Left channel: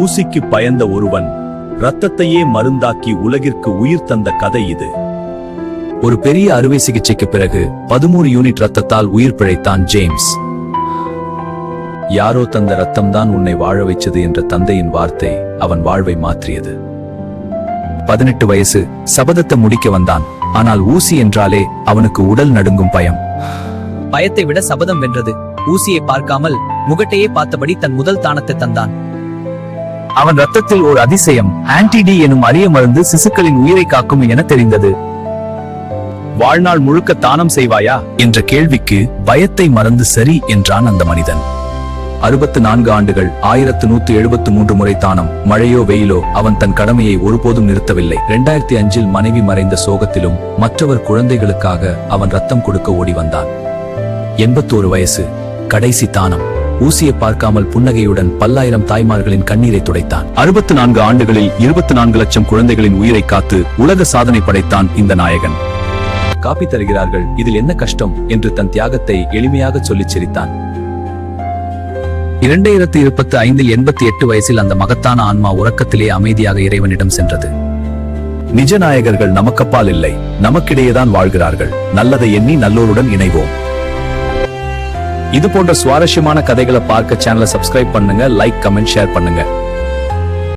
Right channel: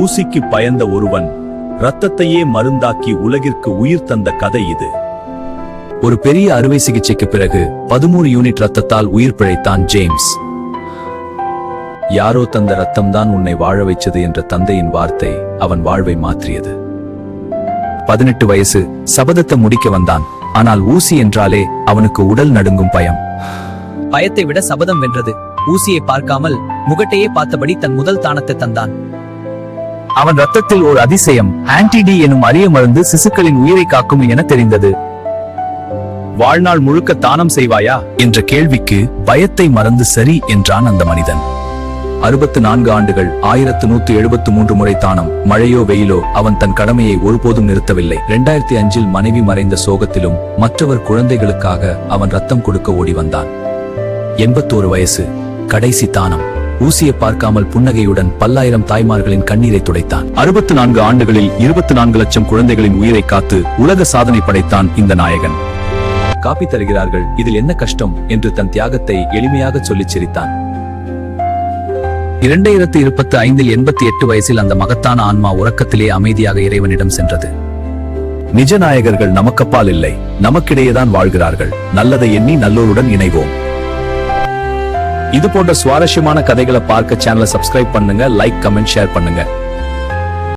ஊசிக்கு பயந்த ஒருவன் இரத்தத்தையே மருந்தாக்கி உலகிற்கு உயிர் தந்த கதை இது. ஒரு பெரிய அறுவை சிகிச்சைக்கு பிறகு 13 யூனிட் ரத்தத்தால் உயிர் பிழைத்தான் ஜேம்ஸ். யாரோ தந்த ரத்தம்தான் உன்னை வாழ வைச்சது என்ற தந்தையின் வார்த்தை அவன் வாழ்வை மாற்றியது. 18 வயசு, சபதத்தை முடிக்க வந்தான். ஆனால் ஊசி என்றாலே அவனுக்கு உடல் நடுங்கும் பயம். பயத்தை விட சபதம் வென்றது. ஊசியை பார்க்காமல் முகட்டையே பார்த்தபடி தன் முதல் தானத்தை தந்தான். அவன் ரத்தத்தில் ஒரு அதிசயம், ஆன்டிடி எனும் அரிய மருந்து சிசுக்களின் உயிரை காக்கும் என தெரிந்தது. வாழ்நாள் முழுக்க தானம் செய்வாயா என்ற கேள்விக்கு பயத்தை மறந்து சரி என்றான் அந்த மனிதன். 64 ஆண்டுகள், 1173 முறை தானம். மழையோ வெயிலோ அவன் தன் கடமையை ஒருபோதும் நிறுத்தவில்லை. 2005 மனைவி மறைந்த சோகத்திலும் மற்றவர் குழந்தைகளுக்காக அவன் ரத்தம் கொடுக்க ஓடி வந்தான். 81 வயசு, கடைசி தானம். ஊசியை பார்க்காமல் புன்னகையுடன் பல்லாயிரம் தாய்மார்களின் கண்ணீரை துடைத்தான். 64 ஆண்டுகளில் 24 லட்சம் குழந்தைகளின் உயிரை காத்து உலக சாதனை படைத்தான் இந்த நாயகன். காப்பி தருகிறார்கள், இதில் என்ன கஷ்டம் என்று தன் தியாகத்தை எளிமையாக சொல்லிச் சிரித்தான். 2025 88 வயசில் அந்த மகத்தான ஆன்மா உறக்கத்திலே அமைதியாக இறைவனிடம் சென்றது. நிஜ நாயகர்கள் நமக்கப்பால் இல்லை, நமக்கிடையேதான் வாழ்கிறார்கள். நல்லதை எண்ணி நல்லோருடன் இணைவோம். இது போன்ற சுவாரஸ்யமான கதைகளை பார்க்க சேனலை சப்ஸ்கிரைப் பண்ணுங்க, லைக், கமெண்ட், ஷேர் பண்ணுங்க.